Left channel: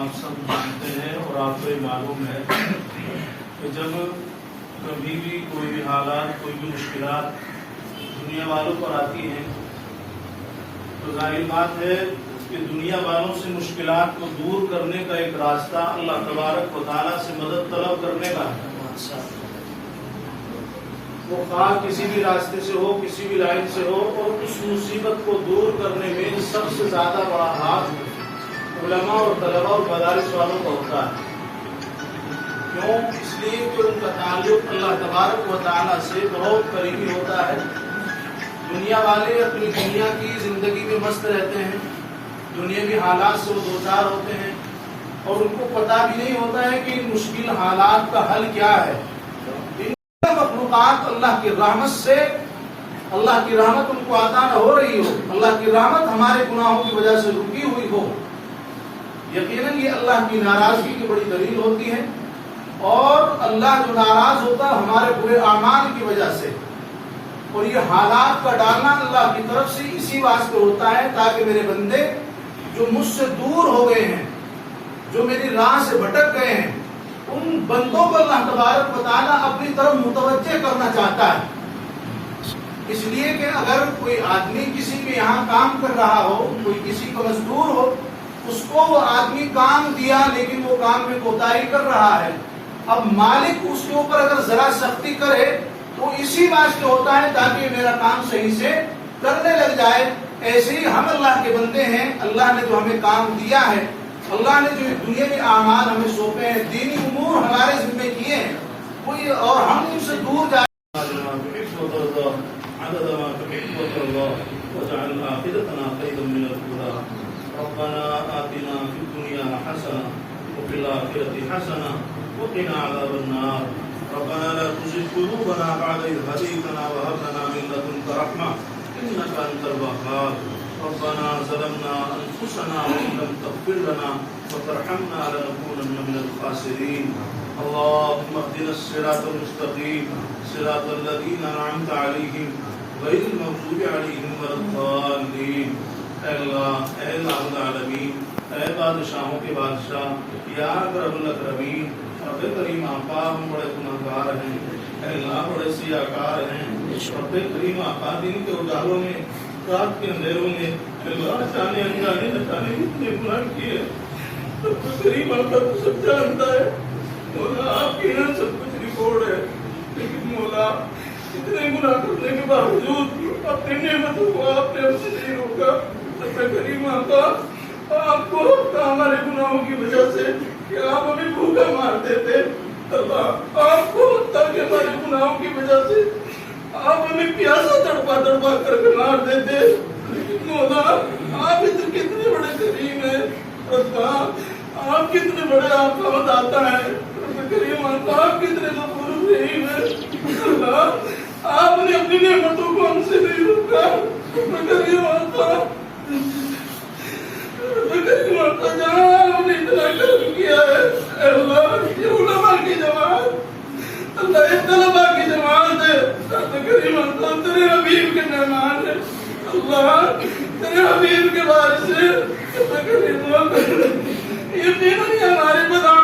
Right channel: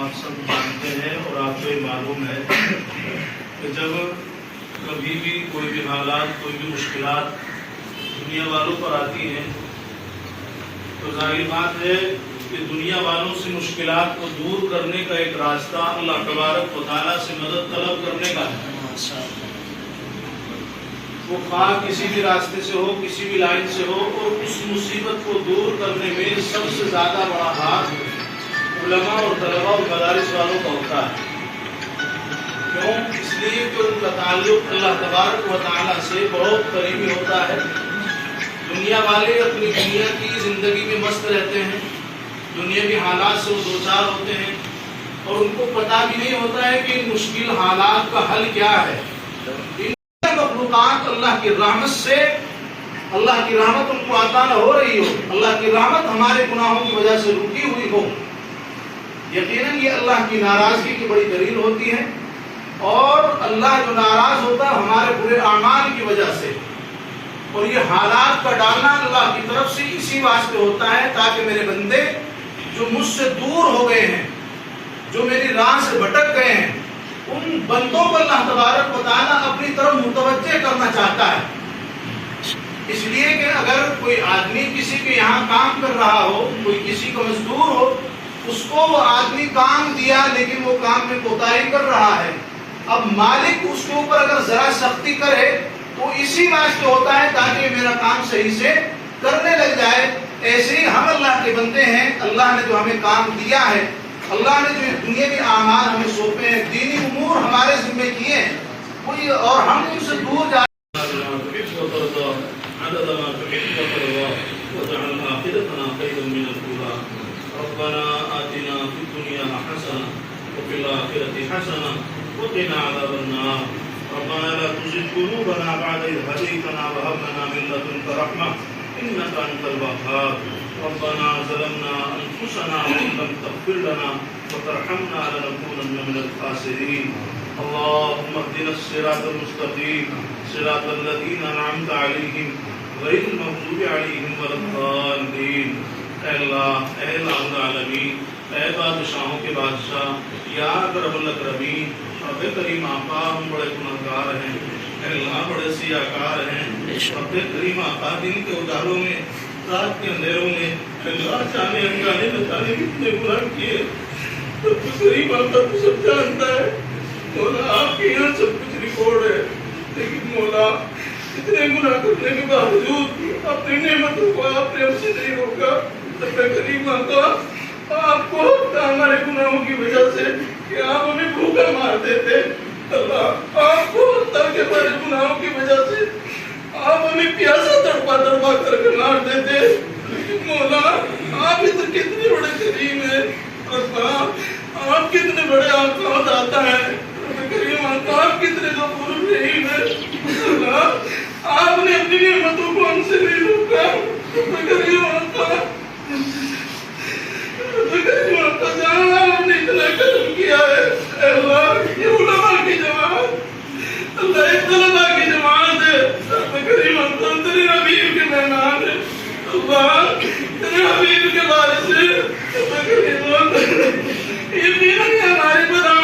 آپ سب جانتے ہیں اور آپ کو معلوم ہے کہ جب کبھی بھی کوئی بھی حالات، کوئی بھی مشکلات دنیا والوں پر آتی ہیں تو ظاہر بات ہے کہ دنیا والوں سے مشکلات کو دور کرنے کا ایک راستہ اللہ تبارک و تعالیٰ سے مدد طلب کرنے کا ہے۔ وہ خواہ کسی بھی راستے سے ہو، کسی بھی لائن سے ہو، اور اس مصیبت کو دور کرنے میں سب سے زیادہ بڑا ہاتھ علماء اور طلباء اور مدارس والوں کا ہوتا ہے۔ کیوں؟ اس لیے کہ ان کا تعلق اللہ تبارک و تعالیٰ سے بہت قریبی ہوتا ہے۔ دنیا والے اپنی دنیا کی زندگی میں مست رہتے ہیں، دنیاوی حالات سے وہ دوچار ہوتے ہیں، اور ان کو پتہ بھی نہیں ہوتا ہے کہ ان مشکل حالات کا حل کیا ہے۔ مخلوقات اللہ کی رحمت سے، اللہ کی رحمت ان کو عطا نہ ہو رہی ہو، اللہ کی رحمت ہمارے گناہوں کی وجہ سے رکی ہوئی ہو، یقیناً یہ اللہ کی ناراضگی کی بڑی دلیل ہوتی ہے۔ اور اللہ جو ناراض ہوتا ہے ہمارے برے اعمال کی وجہ سے، اور یہ حالات کا ڈالنا اللہ کی طرف سے اسی واسطے ہوتا ہے تاکہ میرے بندے جو مجھ سے دور ہو گئے ہیں، جو میری راہ سے بھٹک گئے ہیں، ان بندوں کو اللہ تبارک و تعالیٰ اپنی طرف متوجہ کرنا چاہتا ہے۔ اس لیے کہ اگر کوئی آدمی کسی کے یہاں کام کر رہا ہو، کوئی کسی کو مزدور ہو، اس کو وہ آدمی کام دیا لیکن وہ کام میں کوتاہی کر رہا ہے، اب مالک اس کے اوپر اگر ذرا سختی کرے تو اسی واسطے ہوتا ہے تاکہ میرا کام صحیح سے کرنے لگ جائے۔ ایسے ہی ہم اللہ کے بندے ہیں، اللہ نے جو ہمیں کام دیا ہے، اللہ نے جو دنیاوی اعمال ہمیں سونپے ہیں، دینی امور ہمارے ذمہ کیے ہیں، کوئی اور ہم ان سے دور جا ربنا آتنا في الدنيا حسنة وفي الآخرة حسنة وقنا عذاب النار ربنا لا تزغ قلوبنا بعد إذ هديتنا وهب لنا من لدنك رحمة إنك أنت الوهاب ربنا ظلمنا أنفسنا وإن لم تغفر لنا وترحمنا لنكونن من الخاسرين اللهم اهدنا الصراط المستقيم صراط الذين أنعمت عليهم غير المغضوب عليهم ولا الضالين۔ اے اللہ، اے الہ العالمین، اے بادشاہوں کے بادشاہ، یا اکرم الاکرمین، رب کریم آقا، ہم بڑے گناہگار ہیں، اے اللہ بڑے سیاہکار ہیں، رب کریم آقا دن کے اجالوں میں، رات کے اندھیروں میں، اللہ جانے انگانے بچانے کتنے گناہ کیے، رب کریم آقا تو سب جانتا ہے، مولا آپ کے یہاں سب کچھ ریکارڈ ہے، لیکن مولا اتنے گناہ کرنے کے باوجود اپنی نعمتوں کو آپ نے ہم سے نہیں روکا۔ کریم آقا، آپ کو ہوتا ہمارے گناہوں کی وجہ سے کہ آپ ہمیں بھوکا مار دیتے، اللہ آپ کو ہوتا کہ ہمارے گناہوں کی وجہ سے آپ ہمیں پیاسا تڑپا تڑپا کر کے مار دیتے، لیکن مولا آپ کتنے بڑے کریم ہیں، اللہ آپ کتنے بڑے آقا داتا ہے، کریم آقا آپ کتنے غفور رحیم ہیں، اللہ آپ نے اپنی نعمتوں کو ہم سے نہیں روکا، کریم آقا جہاں ہم نے اتنا کرم کیا ہے، اے اللہ یہ علماء کی جماعت، اللہ یہ طلباء کی جماعت ہے، اللہ کریم آقا تیرے حبیب کے مہمان ہے، اللہ تیرے حبیب کے وارث ہے، اللہ کریم آقا یقیناً ہماری بدا